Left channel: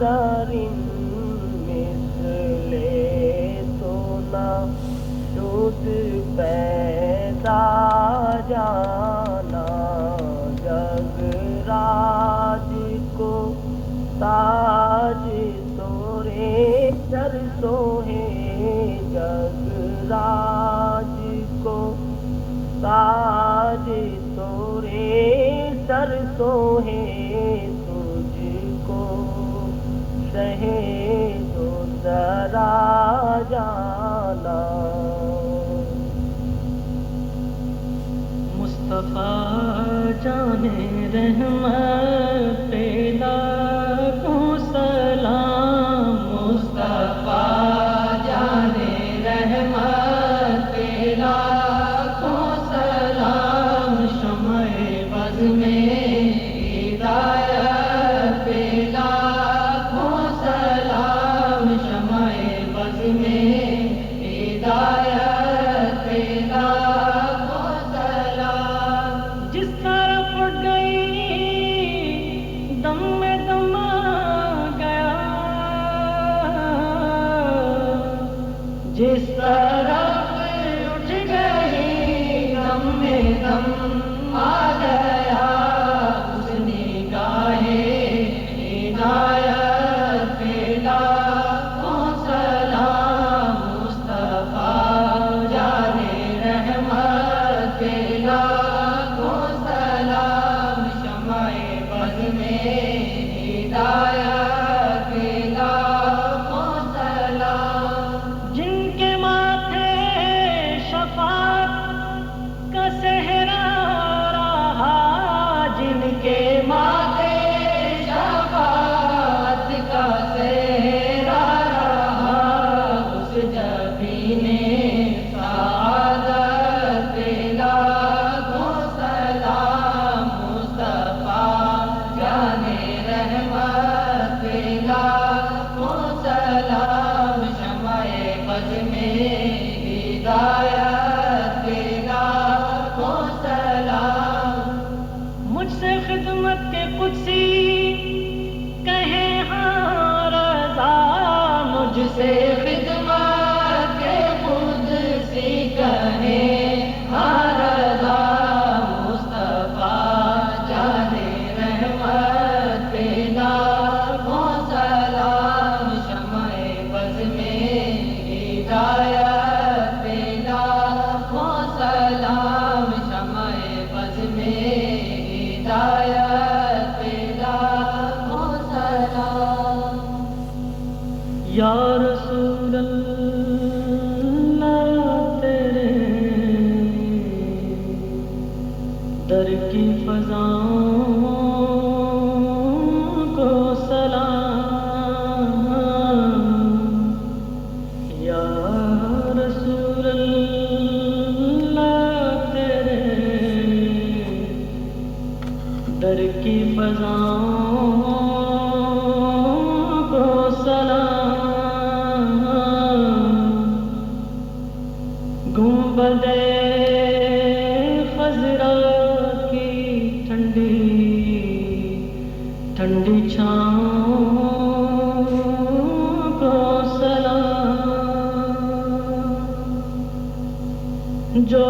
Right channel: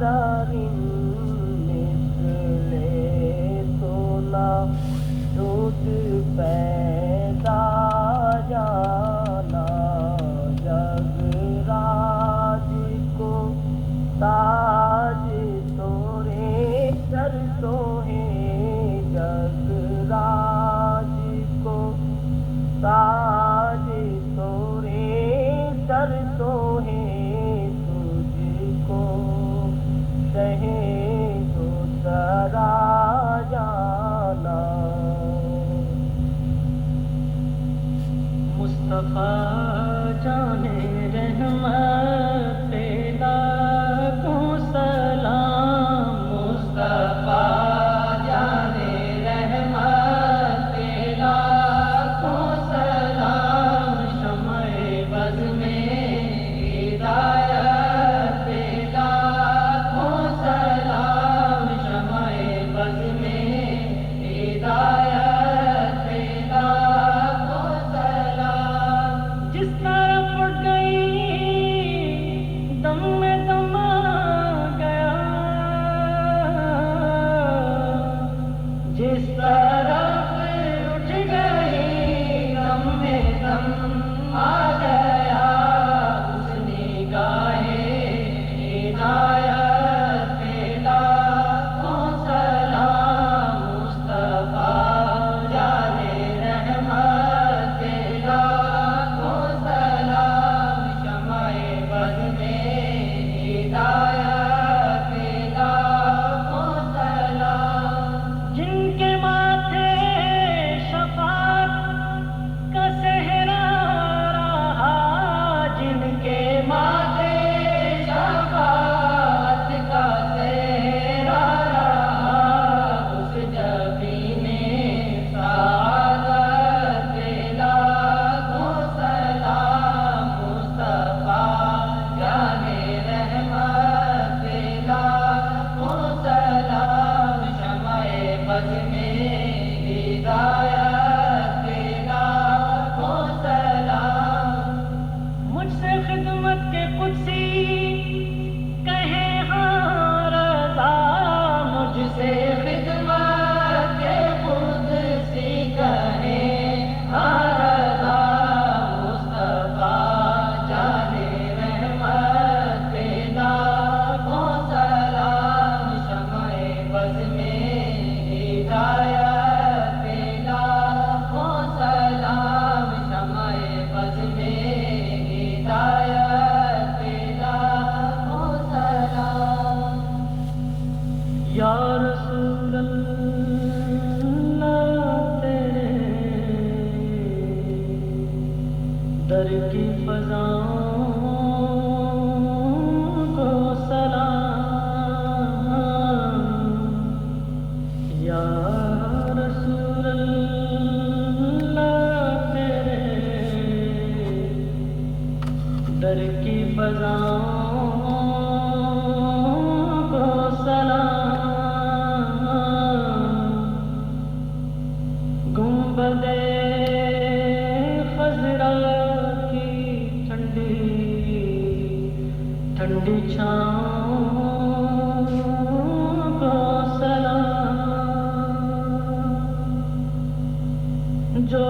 در مثل تو نہ شد پیدا جانا جگ راج کو تاج تورے سر سوہے جگ راج کو تاج تورے سر سوہے تجھ کو شہے جو ذرا جانا مصطفیٰ جانے رحمت لاکھوں سلام مصطفیٰ جانے رحمت لاکھوں سلام شمع بز میں ہدایت لاکھوں سلام شمع بز میں ہدایت لاکھوں سلام جس طرف گئی دم میں دم آ گیا جس طرف اٹھ گئی دم میں دم آ گیا اس نگاہ ہدایت لاکھوں سلام مصطفیٰ جانے رحمت لاکھوں سلام شمع بز میں ہدایت لاکھوں سلام جن کے ماتھے شفاعت کا صحرا رہا جن کے ماتھے شفاعت کا صحرا رہا اس جبین سعادت لاکھوں سلام مصطفیٰ جانے رحمت لاکھوں سلام شمع بز میں ہدایت لاکھوں سلام مجھ سے خدمت کے قدسی کہے ہاں رضا مجھ سے خدمت کے قدسی کہے ہاں رضا مصطفیٰ جانے رحمت لاکھوں سلام شمع بز میں ہدایت لاکھوں سلام شمع بز میں ہدایت لاکھوں سلام یا رسول اللہ تیرے در کی فضاؤں کو سلام یا رسول اللہ تیرے در کی فضاؤں کو سلام گنبد خضرا کی ٹھنڈی ٹھنڈی چھاؤں کو سلام جو